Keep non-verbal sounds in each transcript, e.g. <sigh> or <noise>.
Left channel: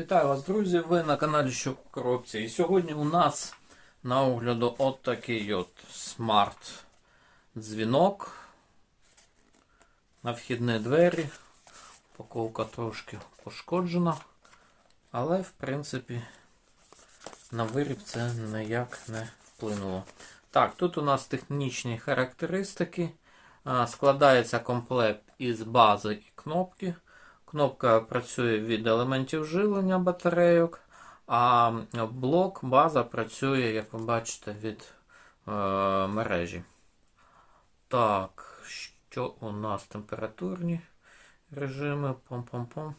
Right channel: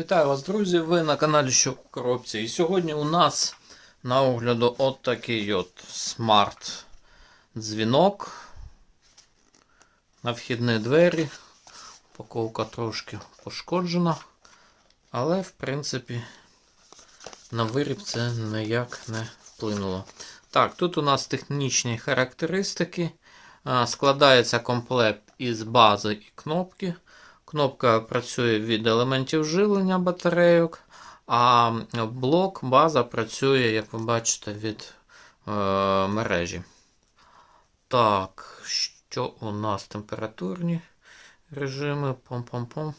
Вітаю вас, друзі! Ви на каналі Що в коробці. І сьогодні у нас на огляду от такий от смарт дзвінок на вхідні двері. Упаковка трошки пошкоджена, але в принципі на виріб це ніяк не вплинуло. Так, тут у нас технічні характеристики. Складається комплект із бази і кнопки. Кнопка працює від елементів живлення батарейок, а блок, база працює, як ви бачите, від е, мережі. Так, що у нас температурні режими? Пом-пом-пом.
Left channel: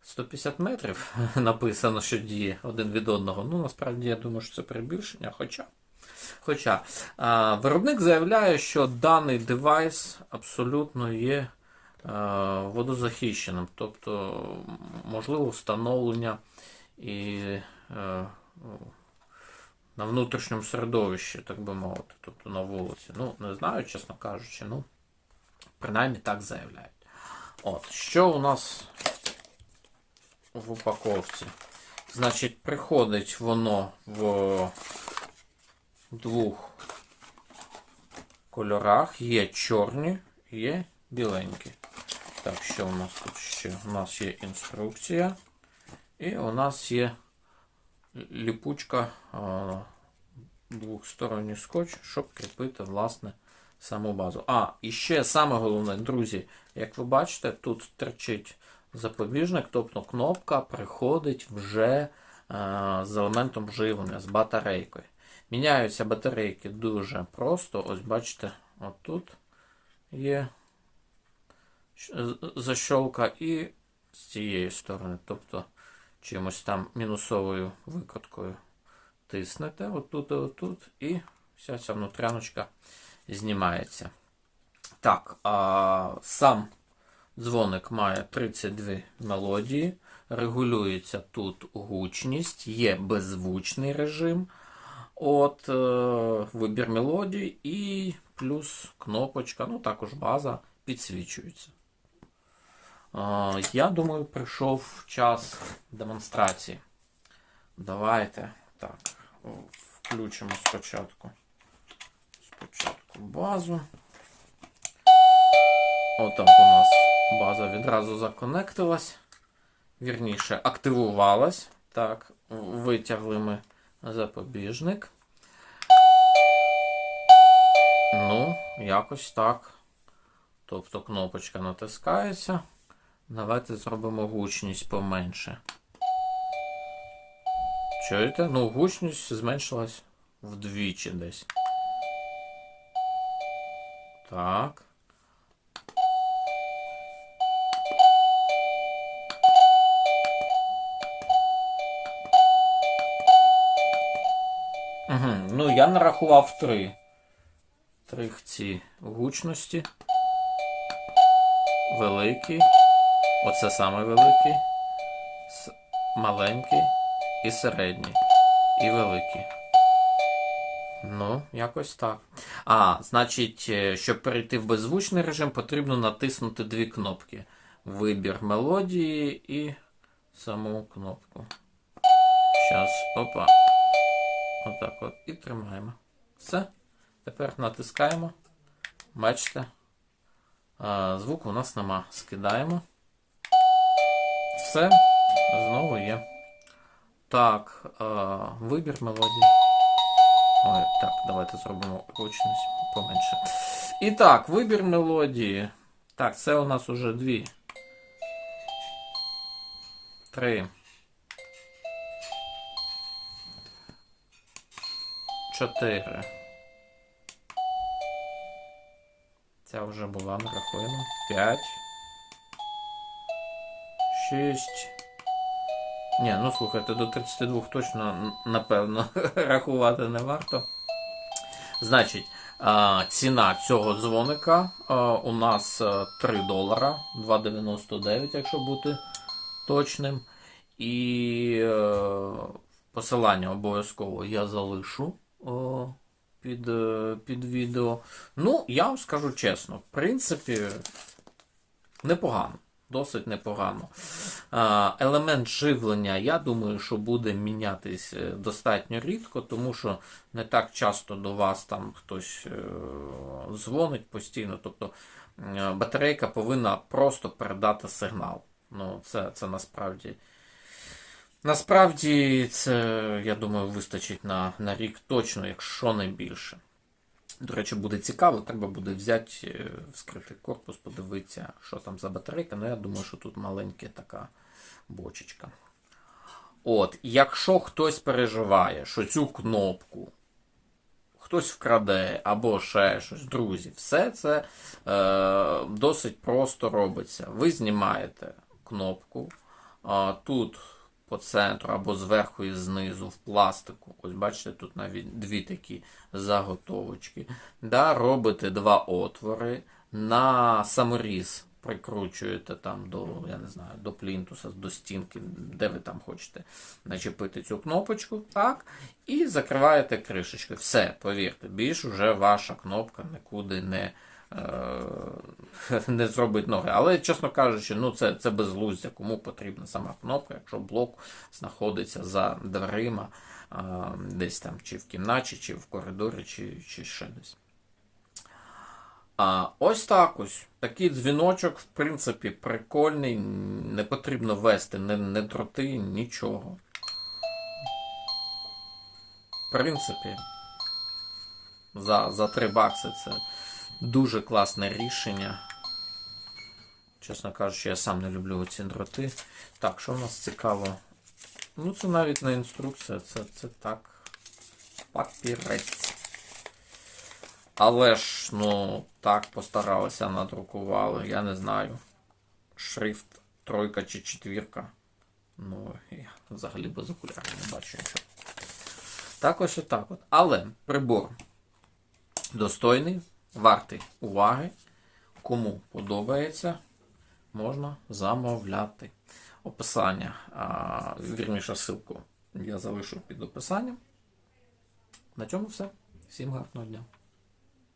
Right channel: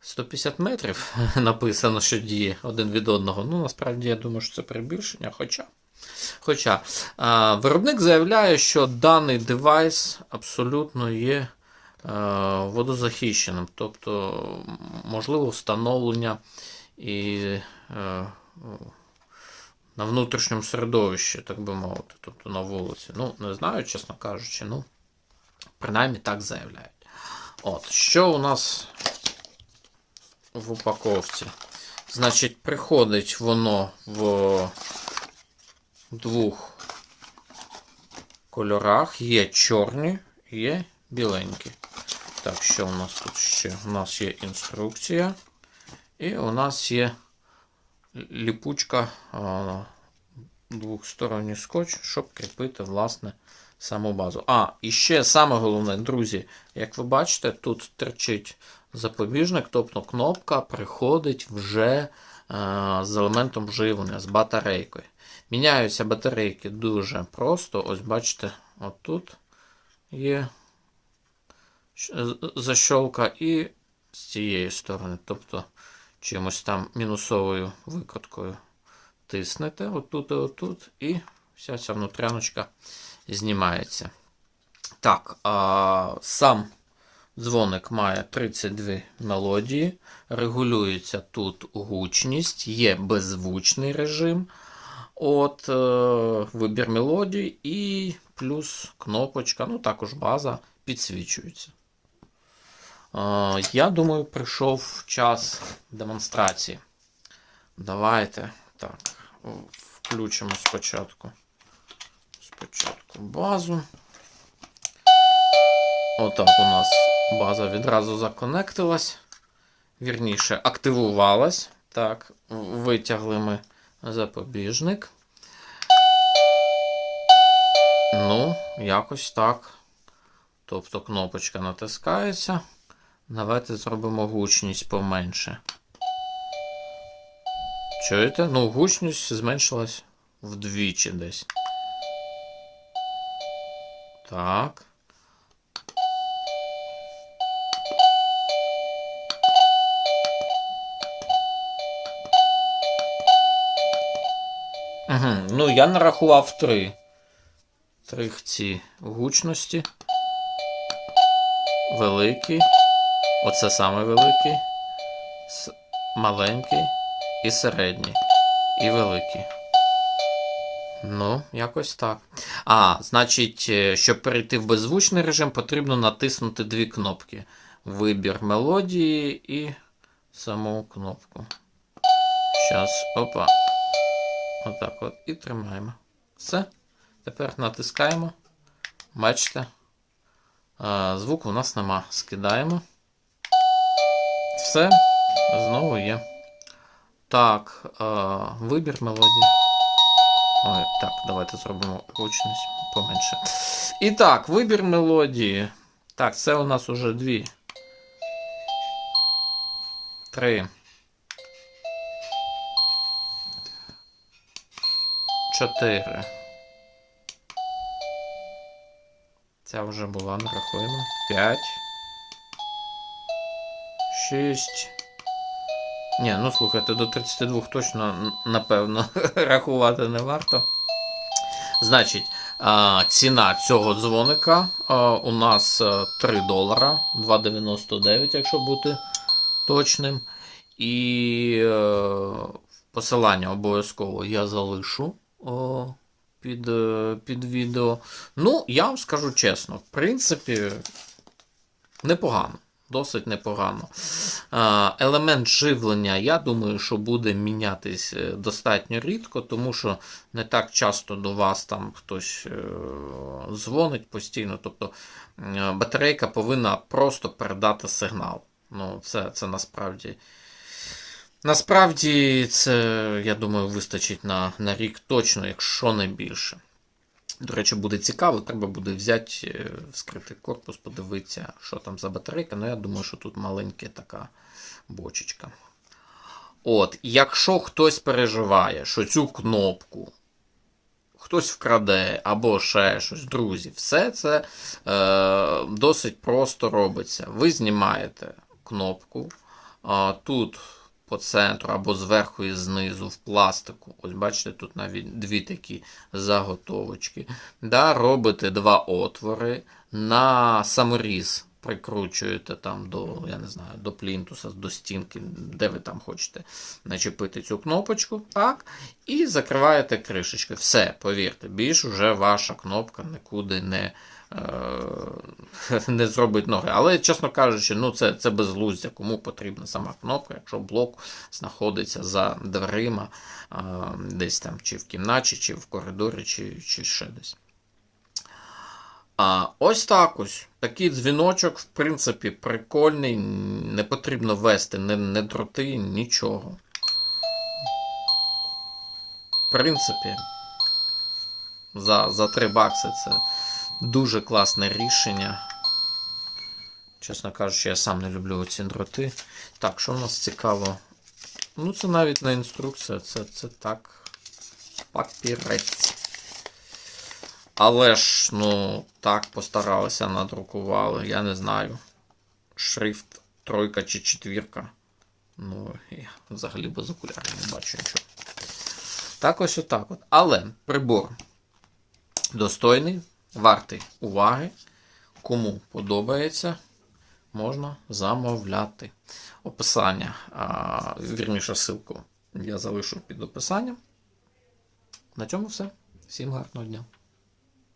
150 метрів <laughs> написано, що діє один від одного. Ну, насправді, я думаю, що це перебільшення. Хоча, хоча е, виробник заявляє, що даний девайс абсолютно є водозахищеним, тобто можливо встановлення і е, на внутрішньому середовищі, так би мовити, тобто на вулиці. Ну, не знаю, чесно кажучи, ну, принаймні так заявляють. От, що у нас в упаковці? Значить, приходить воно в двох кольорах. Є чорні, є біленькі. Так, що у нас тут ще? У нас є інструкція. І у нас є ліпучка двохсторонній скотч, щоб кріпити, власне, саму базу. А, і ще саме головне, друзі, як ви бачите, тут терчить запобіжник, тобто кнопка приходить вже з елементом живлення, з батарейкою. Міняються батарейки дуже просто. Ось бачите, отут є защолка і з цієї сторони. Тобто чимось там мінусовою викруткою тиснете отут і отут, і вся ця внутряночка знімається. Так, а сам дзвоник має 32 мелодії. Регулюється тут гучність, є беззвучний режим. От е, вибір мелодії і плюс кнопочка, ну також база підсвічується. Я думаю, прийшов час демонстрації. Давайте так, включимо спочатку. Спочатку базу. Отак у нас база відразу законектилась. Вірніше, активувалась. Так, витягли ми запобіжник. Ну, якось так. Тобто кнопочка натискається. Давайте зробимо гучність поменше. Чуєте? Ну, гучність зменшилась вдвічі десь. Так. Угу. Ну, я нарахував три. Три ці гучності. Великий. Оце саме великий. Маленький і середній. І великий. Ну, якось так. А, значить, е, щоб перейти в беззвучний режим, потрібно натиснути дві кнопки: вибір мелодії і саму кнопку. Щас, опа. Отак от. І тримаємо. Все. Тепер натискаємо. Бачите? А, звуку у нас нема. Скидаємо. Все. Знову є. Так, а, вибір мелодії. Ой, так, давайте зробимо гучність поменше. І так, вибір мелодії. Так, це у нас уже дві. Три. Чотири. Ця вже була, не рахуємо. П'ять. Шість. Ні, ну слухайте, до 32 точно, напевно, <laughs> рахувати не варто. Значить, ціна цього дзвоника у нас 3 долара, 2,99, якщо бути точним. І е, посилання обов'язково я залишу під, е, під відео. Ну, я вам скажу чесно, в принципі, непогано. Досить непогано. Елемент живлення, я думаю, що буде мінятись е, достатньо рідко, тому що не так часто до вас там хтось е, дзвонить постійно. Тобто е, батарейка повинна просто передати сигнал. Ну, це, це насправді. Насправді, це, я думаю, вистачить на, на рік точно, якщо не більше. До речі, буде цікаво, треба буде взяти, е, вскрити корпус, подивитися, що там за батарейка. Ну, я думаю, що тут маленька така бочечка. От, якщо хтось переживає, що цю кнопку хтось вкраде або ще щось, друзі, все це е, досить просто робиться. Ви знімаєте кнопку, тут по центру або зверху і знизу в пластику. Ось бачите, тут навіть дві такі заготовочки. Да, робите два отвори на саморіз. Прикручуєте там до, я не знаю, до плінтуса, до стінки, де ви там хочете начепити цю кнопочку. Так. І закриваєте кришечки. Все, повірте, більш уже ваша кнопка нікуди не, <laughs> не зробить ноги. Але, чесно кажучи, ну це, це безглуздя. Кому потрібна сама кнопка, якщо блок знаходиться за дверима, е, десь там, чи в кімнаті, чи в коридорі, чи, чи ще десь. А, ось так ось. Такий дзвіночок, в принципі, прикольний. Не потрібно вести не, не дроти, нічого. В принципі, за, за 3 бакси це дуже класне рішення. Чесно кажучи, я сам не люблю ці дроти. Так, що в нас цікаво? Ну, це навіть не інструкція, це, це так. Папірець. Але ж, ну, так постаралися, надрукували, я не знаю. Шрифт тройка чи четвірка. Ну, я взагалі без окулярів не бачу нічого. Так ось отак от. Але прибор достойний, вартий уваги. Кому подобається, можна замовляти. Описання, вірніше, ссылку я залишу під описанням. На цьому все. Всім гарного дня.